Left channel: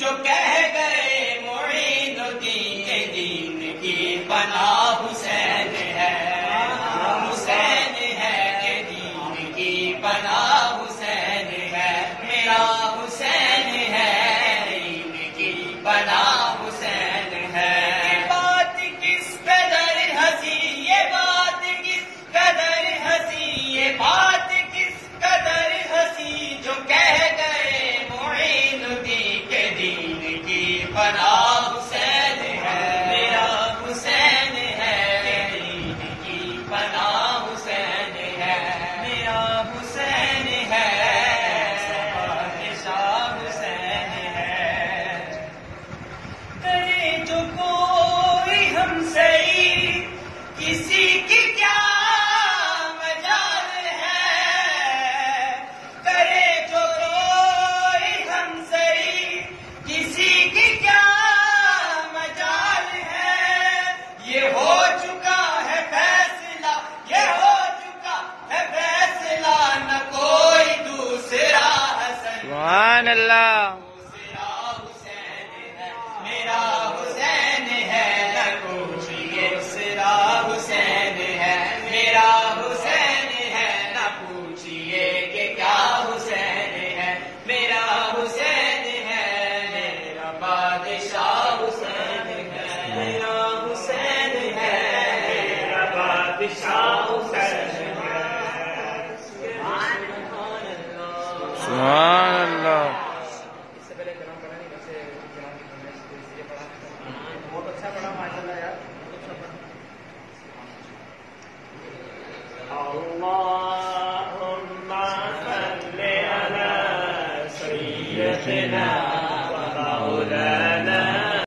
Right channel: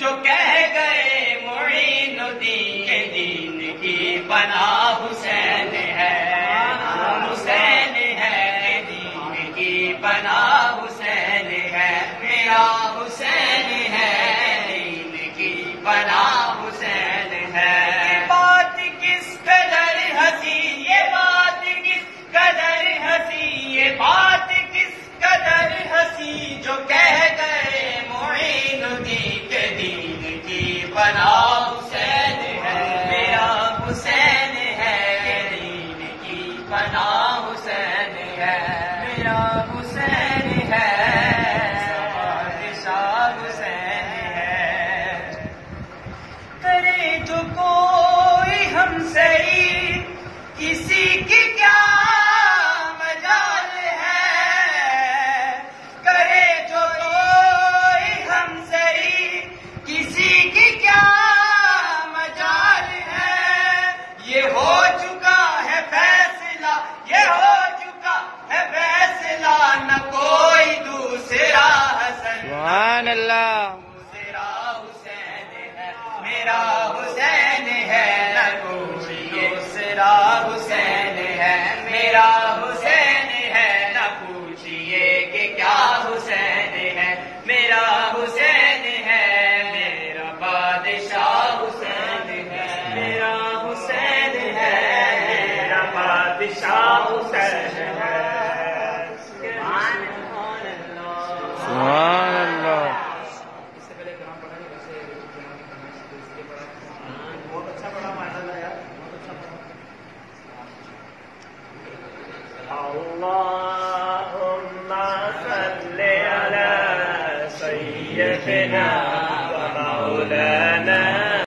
جو کہہ گئے معین الدین کے دین کی پناہ حسین ہے، حسین ہے، دین کی پناہ حسین ہے، میرا حسین ہے، دین کی پناہ حسین ہے۔ بات کس قدر ہنسی، یہ بات کس قدر ہنسی، یہ بات کس قدر ہنسی، جو کہہ گئے معین الدین کے دین کی پناہ حسین ہے، میرا حسین ہے، دین کی پناہ حسین ہے، میرا حسین ہے، بادشاہ حسین ہے۔ کرے جو کوئی ہم سے کسی کی کیا مجال ہے، کرے جو کوئی ہم سے کسی کی کیا مجال ہے، یہ ہو چکا ہے فیصلہ، یہ ہو چکا ہے فیصلہ، نہ کوئی دوسرا حسن، سبحان اللہ، دوسرا حسین ہے، میرا حسین ہے، نہ کوئی دوسرا حسین ہے، میرا حسین ہے، نہ پوچھئے کہ کیا حسین ہے، میرا حسین ہے، میرا بادشاہ حسین ہے، میرا حسین ہے، میرا بادشاہ حسین ہے۔ سبحان